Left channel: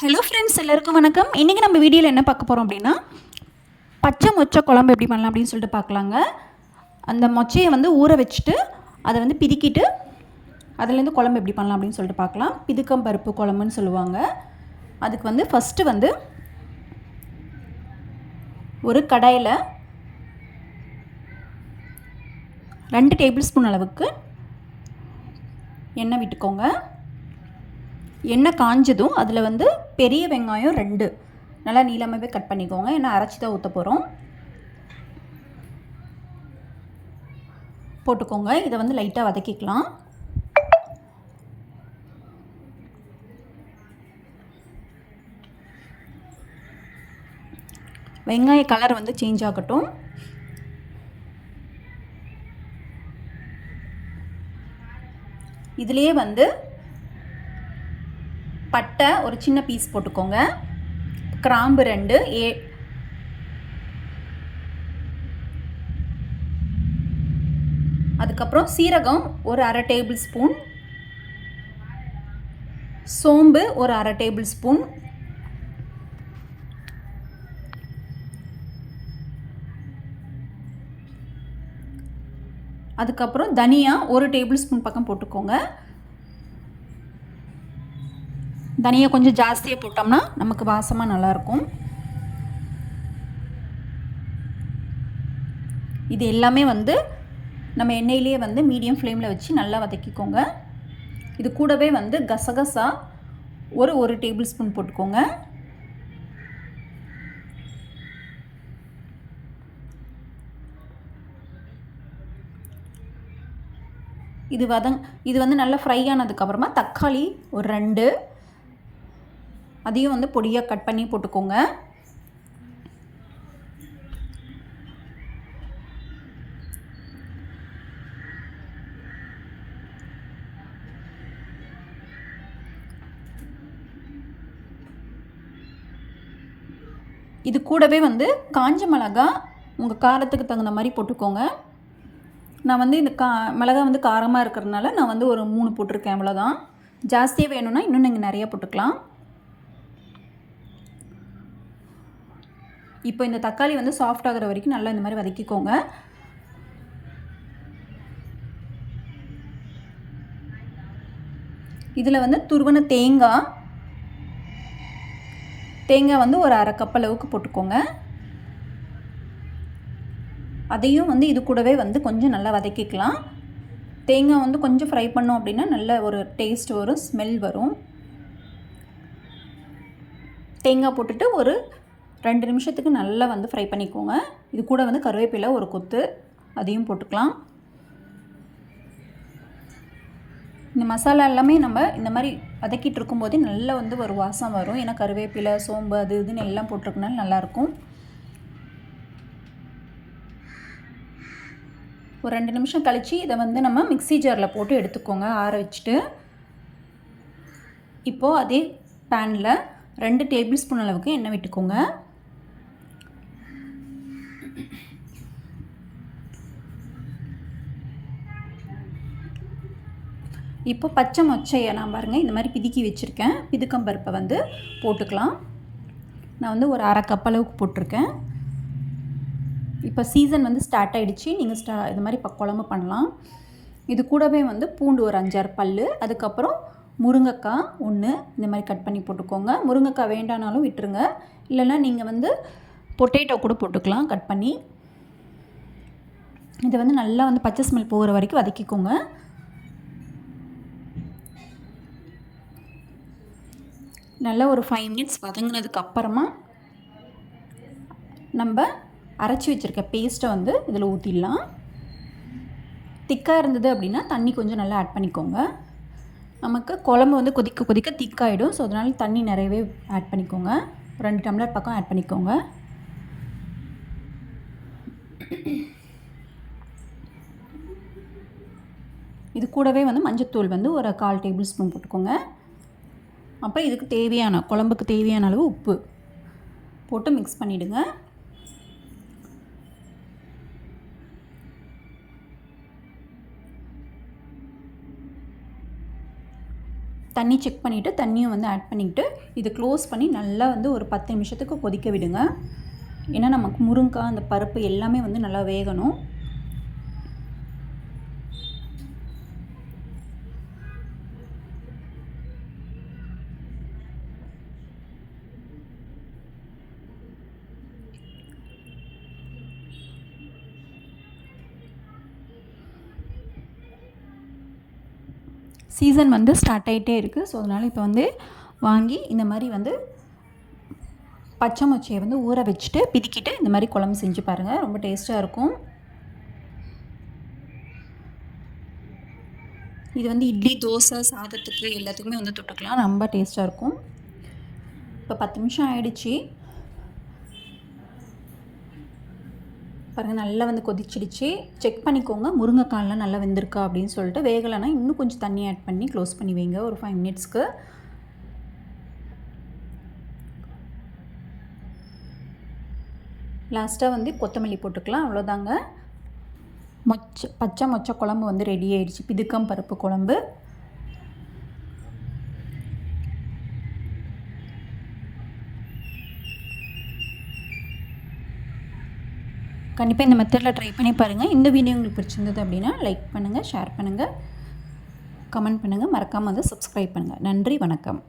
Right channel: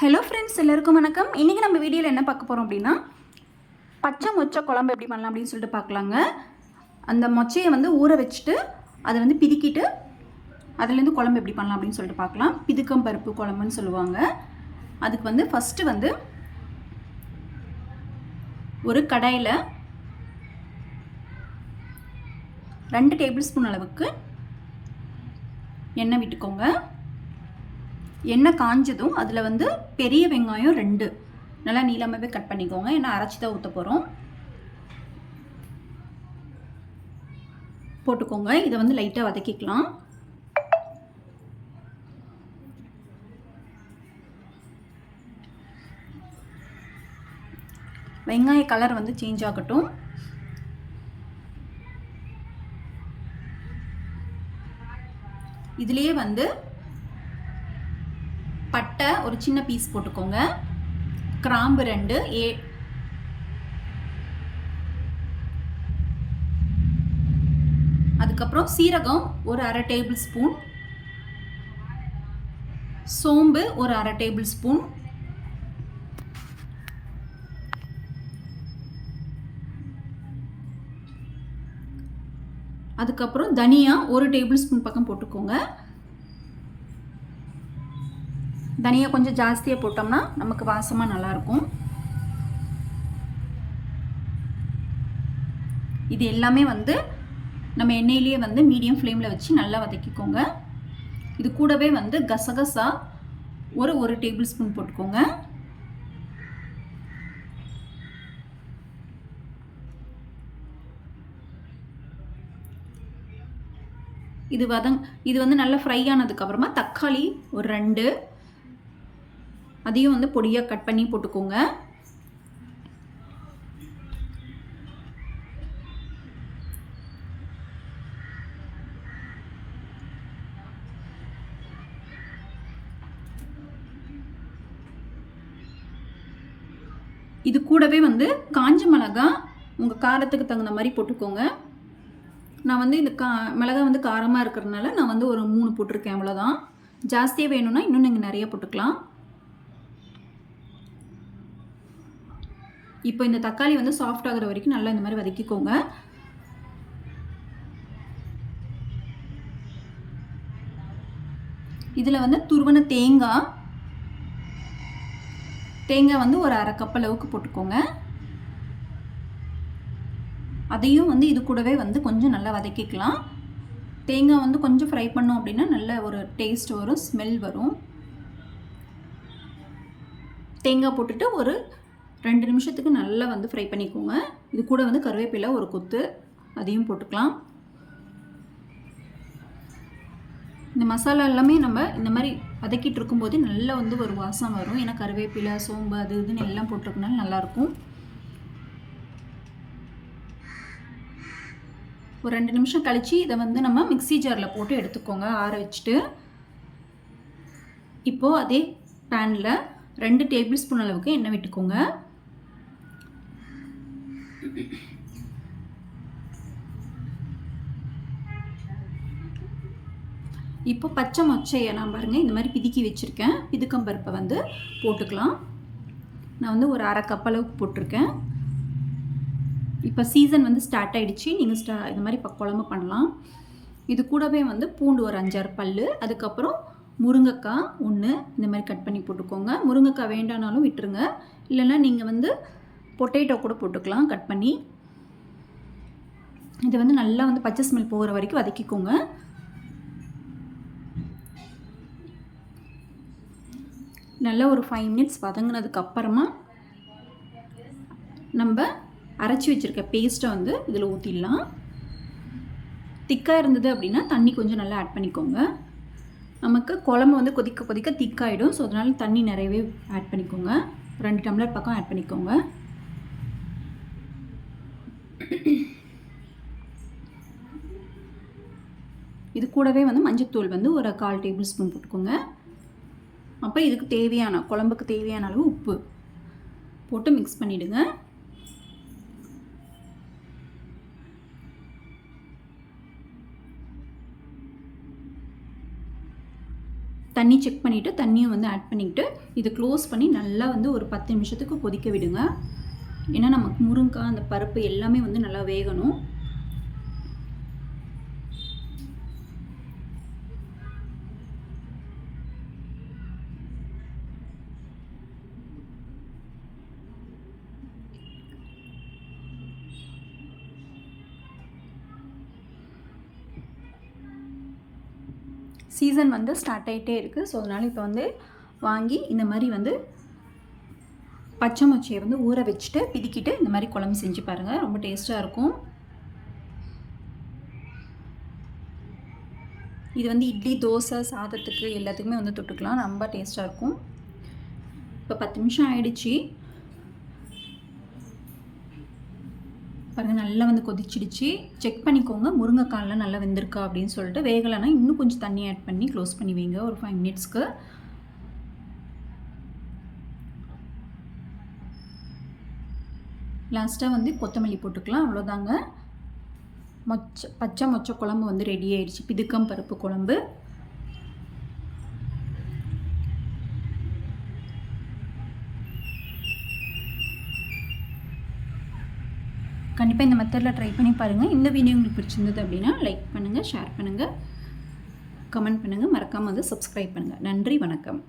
Hello friends, எல்லாருக்கும் வணக்கம். இன்றைக்கி நம்ம வீடியோவில் என்ன பார்க்க போகிறோம் அப்படின்னா, பச்சை மொச்சை குழம்பு எப்படி பண்ணலாம் அப்படின்னு சொல்லிட்டு பார்க்கலாங்க. அந்த மொச்சையை வந்து ஊற வச்சுட்டு அதை வந்து பிதுக்கிட்டு அதுலேருந்து குழம்பு எப்படி பண்ணலாம் அப்படின்னு சொல்லிட்டு பார்க்கலாம். பிதுக்கம் பருப்பு குழம்புன்னு சொல்லுவாங்க. அதுக்கு வந்து ஃபஸ்ட்டு வந்து ஒரு கடாயில் 2 டேபிள் ஸ்பூன் அளவுக்கு எண்ணெய் விட்டுக்கோங்க. எண்ணெய் காஞ்சதும் அதில் வந்து பெரிய வெங்காயம் 2 நல்லா நீளமாகவே கட் பண்ணிக்கோங்க. ஏன்னா அரைச்சி தான் ஊற்ற போகிறோம். போட்டுக்கோங்க. இதை வந்து லைட்டாக வதக்கிக்கலாம். வெங்காய கலர் வந்து சேஞ்ச் ஆகட்டும். இதுலேயே வந்து பட்டை ஒரு சின்ன பீஸ் போட்டுக்கோங்க. கிராம்பு 2, அதுக்கப்புறம் சீரகம் ஒரு அரை டேபிள் ஸ்பூன், சோம்பு ஒரு அரை டேபிள் ஸ்பூன், அதுக்கப்புறம் தனியா ஒரு டேபிள் ஸ்பூன் பக்கம் போட்டுக்கோங்க. தனியா கொஞ்சம் ஜாஸ்தியாக போட்டோம்னா நமக்கு வாசமாக நல்லாயிருக்கும். இது எல்லாமே வந்து நம்ம எண்ணெயிலேயே வந்து மீடியம் ஃப்ளேமில் வச்சு நல்லா வதக்கிக்கோங்க. இது கூடவே வந்து கசகசா ஒரு டேபிள் ஸ்பூன் போட்டுக்கோங்க. இது வந்து நல்லா ஃப்ரை ஆனதுக்கப்புறமா தக்காளி ஒரு 2, அதையும் வந்து பொடியாக கட் பண்ணி போட்டுக்கோங்க. இது கூடவே வந்து காஞ்ச மிளகாய் உங்கள் காரத்துக்கு தகுந்த மாதிரி போட்டுக்கோங்க. நான் வந்து இந்த மிளகாய் வந்து காரமாக இருக்கிறதுனால நான் வந்து ஒரு 3 போட்டிருக்கேன், அவ்வளோதான். ஜாஸ்தியாக வேணும்னா இன்னும் நீங்கள் நிறையா போட்டுக்கலாம். இப்போ இந்த தக்காளி வந்து சாஃப்ட் ஆகிற வரைக்கும் நல்லா இந்த மாதிரி வதக்கிக்கோங்க. இதில் வந்து துருவன தேங்காய் வந்து ஒரு அரை கப் அளவுக்கு போட்டுக்கோங்க. அதையும் வந்து இது கூடவே வந்து கொஞ்சம் நல்லா வதக்கிக்கலாம். தேங்காய் வந்து கொஞ்சம் ஃப்ரை பண்ணோம் அப்படின்னா நல்ல ஒரு டேஸ்ட் வரும், ஸ்மெல் வரும். தேங்காய் போட்டுட்டு ஒரு 2 நிமிஷத்துக்கு நல்லா வந்து ஃப்ரை பண்ணிக்கோங்க. இது கூட வந்து கருவேப்பிலை ஒரு கொத்து, அதையும் போட்டுக்கலாம். இந்த மசாலா எல்லாமே நம்ம இந்த மாதிரி வதக்கிட்டு இருக்கும்போதே நல்லா வந்து ஒரு வாசம் வரும். ஏன்னா கருவேப்பிலை, சோம்பு அது இதுன்னு எல்லாம் போட்டிருக்கனால நல்லாயிருக்கும். ஒரு 2 நிமிஷம் கழித்து இதை வந்து நம்ம மிக்ஸி ஜாரில் போட்டு எடுத்துக்கோங்க, ஆற வச்சுட்டு. இப்போது அதே பேனில் 2 டேபிள் ஸ்பூன் அளவுக்கு எண்ணெய் விட்டுக்கோங்க. இப்போ பச்சை மொச்சையை நான் பாருங்கள் இந்த மாதிரி பிதுக்கி வச்சுருக்கேன். பிதுக்கம் பருப்பை வந்து போட்டுக்கலாம். நான் வந்து ஒரு அரை கப் அளவுக்கு போட்டிருக்கேன். இப்போ சீசன் வந்து ஸ்டார்ட் ஆகிடுச்சு. நீங்கள் இது மாதிரி குழம்பு பண்ணலாம். இது கூடவே வந்து பூண்டு ஒரு 5-6 பல், அதுக்கப்புறம் முருங்கைக்காய் 1 இந்த மாதிரி கட் பண்ணி போட்டுக்கோங்க. முருங்கைக்காய் வேண்டானாலும் விட்டுருங்க, இல்லைன்னா நீங்கள் வந்து பொட்டேட்டோ கூட போட்டுக்கலாம் கட் பண்ணி. இதை வந்து நல்லா வந்து பச்சை ஸ்மெல் போகிற வரைக்கும் வதக்கிக்கோங்க. நல்லா ஒரு 5 மினிட்ஸ் வதங்கினதுக்கு அப்புறமா நம்ம அரைச்சி வச்சுருக்க பேஸ்ட்டை வந்து இதில் ஊற்றிடலாம். திக்காக இருந்தது அப்படின்னா தண்ணி கொஞ்சம் நல்லா ஆட் பண்ணிக்கோங்க. நமக்கு குழம்பு வந்து கொதிக்க கொதிக்க திக்காகிடும். ஸோ அதனால் தண்ணி நிறையவே ஆட் பண்ணிக்கோங்க. 2 டம்ளர் பக்கம் ஆட் பண்ணிக்கோங்க. இது கூடவே வந்து மஞ்சத்தூள் வந்து ஒரு 1/4 டேபிள் ஸ்பூன் போட்டுக்கோங்க. அப்புறம் இதுக்கு தேவையான குழம்புக்கு தேவையான அளவு உப்பு போட்டு மிக்ஸ் பண்ணிவிடுங்க. தண்ணி செக் பண்ணிவிட்டு தண்ணியும் வந்து ஆட் பண்ணிக்கிட்டு இதை க்ளோஸ் பண்ணி நல்லா வந்து ஒரு 10 நிமிஷத்துக்கு கொதிக்க விடுங்க. ஏன்னா நமக்கு முருங்கைக்காய் அந்த பருப்பு எல்லாமே வந்து நல்லா வேகணும். சீசன் வந்து ஸ்டார்ட் ஆகிட்டே இருக்குது. ஸோ அதனால் இப்போ வந்து வாங்கி இந்த மாதிரி வந்து பச்சை மொச்சையை வந்து ஊற வச்சுட்டு பிதிக்கிட்டு இந்த மாதிரி குழம்பு செஞ்சு பாருங்கள். ரொம்ப டேஸ்ட்டாக இருக்கும். இது வந்து இட்லி, தோசை, சாதத்துக்கு எல்லாத்துக்குமே வந்து தொட்டுக்கலாம். ரொம்ப டேஸ்ட்டாக இருக்கும். இப்போ 10 நிமிஷம் ஆயிடுச்சு பாருங்கள். நல்லா வந்து கொதிச்சிடுச்சு. செக் பண்ணிக்கோங்க முருங்கைக்காயெலாம் நல்லா வெந்திருக்கா அப்படின்னு சொல்லிட்டு. வேகலைன்னா இன்னும் கொஞ்சம் தண்ணி ஆட் பண்ணி க்ளோஸ் பண்ணி வைங்க ஒரு 5 மினிட்ஸ்க்கு. லாஸ்ட்டாக வந்து கொத்தமல்லி போட்டுக்கலாம். அவ்வளோதாங்க. பச்சை மொச்சை குழம்பு வந்து ரெடி ஆயிடுச்சு. பிதுக்கம் பருப்பு குழம்பு. கண்டிப்பாக இந்த மெத்தடில் ட்ரை பண்ணி பாருங்கள். இந்த வீடியோ உங்களுக்கு பிடிச்சிருந்தது அப்படின்னா லைக் பண்ணுங்கள், ஷேர் பண்ணுங்கள், கமெண்ட் பண்ணுங்கள். மறக்காமல் வந்து சப்ஸ்கிரைப் பண்ணுங்கள். நன்றி, வணக்கம்.